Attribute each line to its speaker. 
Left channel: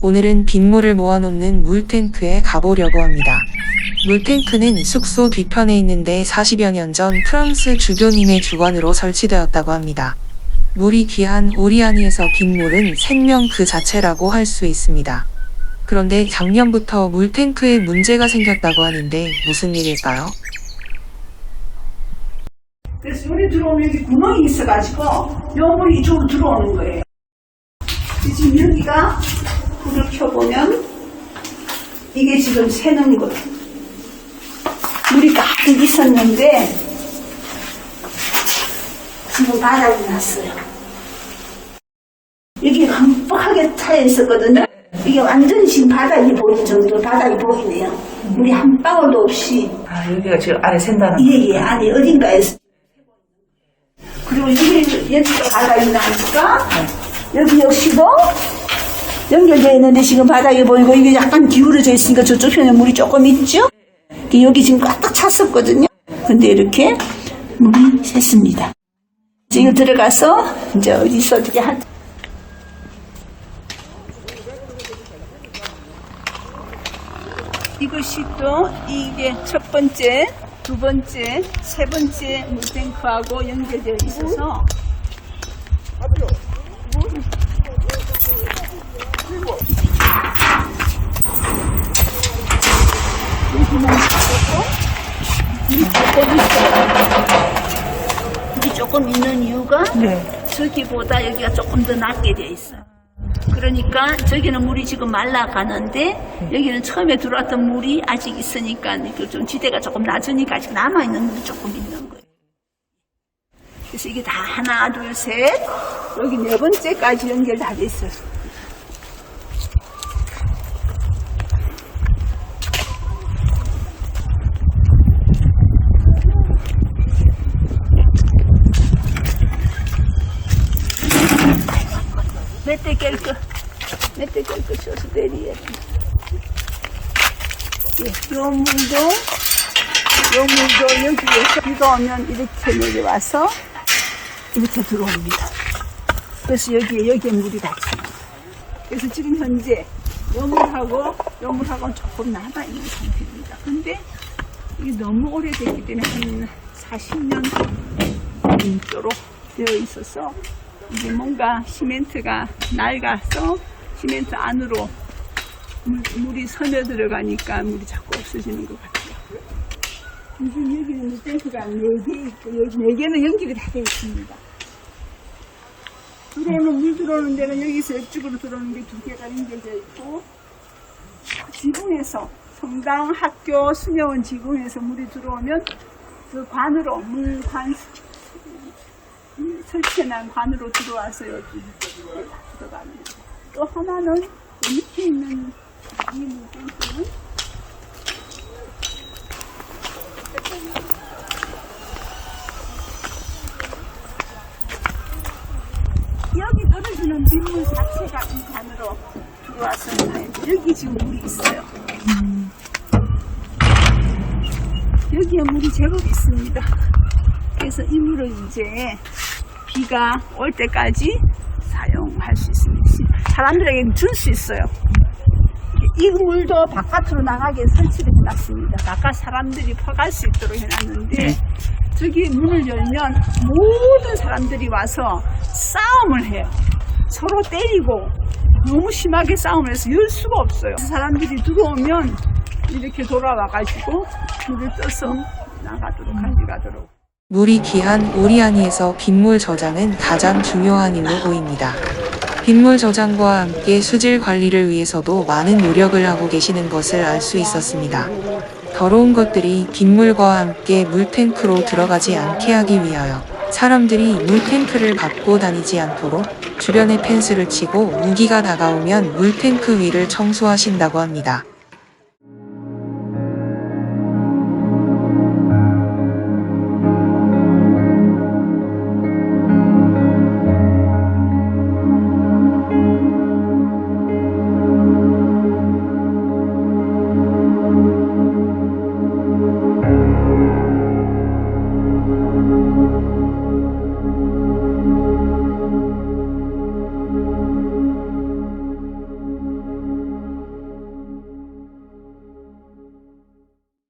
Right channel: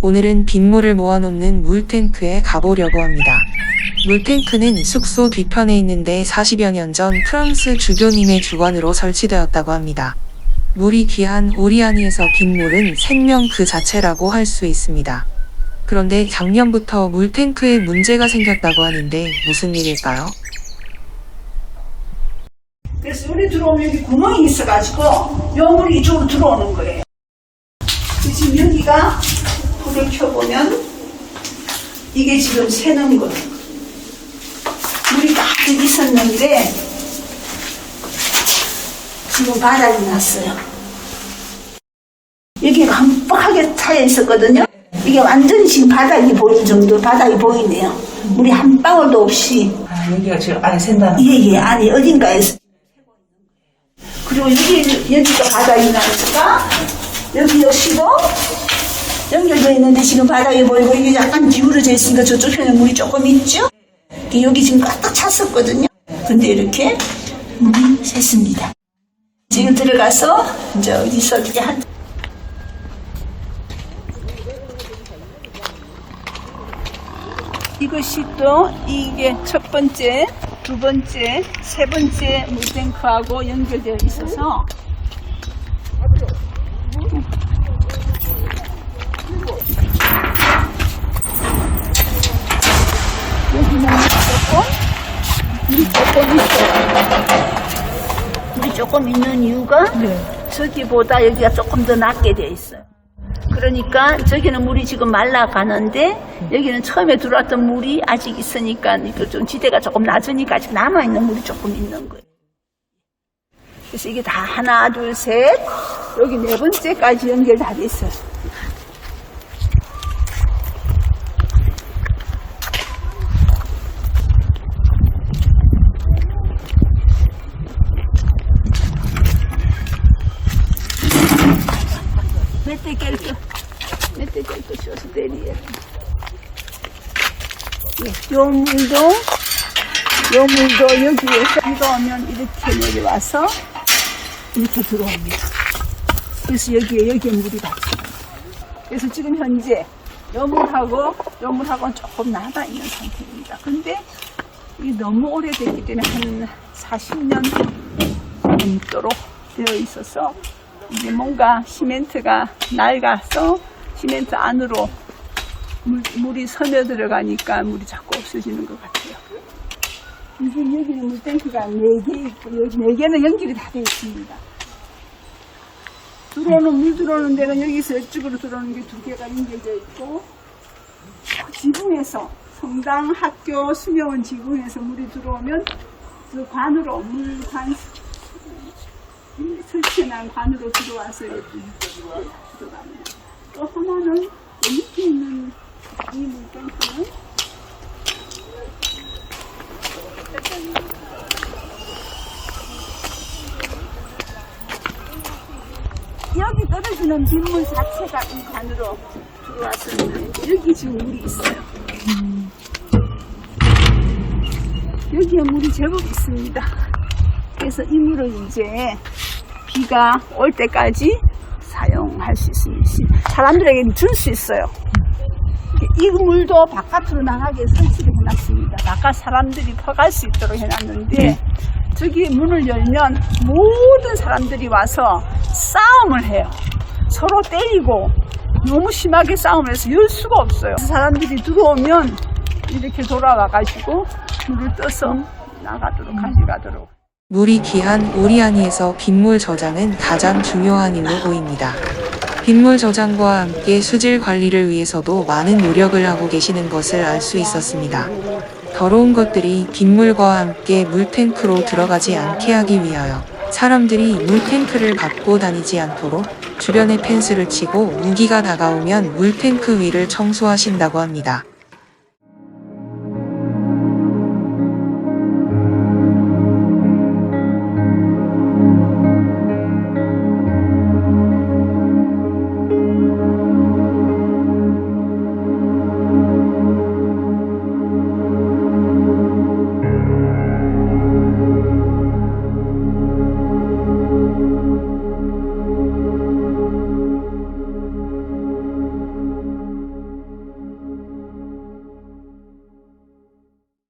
Speaker 1: 오늘은 빗물을 모아놓는 물탱크에 가보려고 합니다. 물탱크는 숙소 뒤편에 있는데 40여 년 전 프랑스 주교님의 주관으로 설치되었다고 합니다. 물이 귀한 오리아니에서 빗물은 생명 그 자체라고 할 수 있습니다. 그런데 작년부터 물탱크에 문제가 생겼다고 하는데 무슨 일일까요?
Speaker 2: 그래서 물이 들어오면 여기 구멍이 있어가지고 요 물이 이쪽으로 들어오는 거예요. 지금 여기가 불을 켜보면 이게 지금 새는 거예요. 물이 가득 있었는데 지금 바닥이 났어요. 여기 깜빡하게 차여 있었거든요. 이게 완전히 지금 바닥이 보일 정도 바닥이 보이네요. 물이 한 방울도 없이
Speaker 3: 아, 여기가 지금 안에 샌다는
Speaker 2: 예, 예, 아니, 어딘가에서. 그리고 여기, 여기가 바닥이 나니까, 여기 역시도 연결되어 있는데 지금 바닥이 보이고, 이게 약간 기울어져 있으니까 저쪽 편에 물이 조금 있죠? 여기 지금 가득 찼었거든요? 근데 이렇게 물이 샜습니다. 지금 들어가서, 이제 어디서 어떻게 한, 이것이 또 이게 첫 번째, 두 번째, 세 번째 물탱크하고 연결되어 있어서 여기는 있고 물이 조금 있어요. 물이 조금 있는 이유가 저기보다 여기가 조금 더 낮게 돼 있어요. 그러니까 저기는 물이 지금 말라가는데 여기는 처음에 들어왔던 물이 아직 있으니까 그 좀 지대가 조금 낮으니까 아직 남아있는 물이 조금 있는 거예요. 그래서 이게 다 하나, 둘, 셋, 여기 네 번째까지 연결 다 돼 있어요. 멧돼 깰거, 멧돼 깰거 쇼스 대리에. 예, 요 물도, 요 물도 여기에서 비가 오면 이렇게 내려와서 이렇게 들어옵니다. 그래서 여기에, 여기 물이 닿습니다. 그래서 지금 현재 요 물하고 요 물하고는 조금 남아 있는 상태입니다. 근데 이 너무 오래됐기 때문에 한 40년 넘도록 되어 있어서 이제 뭔가 시멘트가 낡아서 시멘트 안으로 물, 물이 서려 들어가니까 물이 자꾸 없어지는 것 같아요. 이제 여기는 물탱크가 4개 있고 여기 4개는 연결이 다 되어 있습니다. 들어오는 물 들어오는 데는 여기서 이쪽으로 들어오는 게 두 개가 연결되어 있고 그 지붕에서 성당, 학교, 수녀원 지붕에서 물이 들어오면 그 관으로 물관 설치해놓은 관으로 들어와서 여기 들어가는 거예요. 또 하나는 그 밑에 있는 이 물탱크는 여기 떨어지는 빗물 자체가 이 관으로 들어와서 여기 지금 물이 있어요. 여기에 물이 제법 있습니다. 그래서 이 물을 이제 비가 올 때까지 사용할 수 있습니다. 사람들에게 줄 수 있어요. 이 물도 바깥으로 나가게 설치를 해놨습니다. 바깥 사람들이 퍼갈 수 있도록 해놨는데 저기 문을 열면 모든 사람들이 와서 싸움을 해요. 서로 때리고 너무 심하게 싸움을 해서 열 수가 없어요. 사람들이 들어오면 이렇게 돌아와가지고 물을 떠서 나가도록 가져가도록.
Speaker 1: 물이 귀한 오리아니에서 빗물 저장은 가장 중요한 일로 보입니다. 빗물 저장과 함께 수질 관리를 위해서도 많은 노력을 하고 계시는 것을 알 수 있었습니다. 더러운 것들이 빗물과 함께 물탱크로 들어가지 않게 하기 위하여 사람들이 물탱크를 갖고 다니지 않도록 주변에 펜스를 치고 우기가 다가오면 물탱크 위를 청소하신다고 합니다.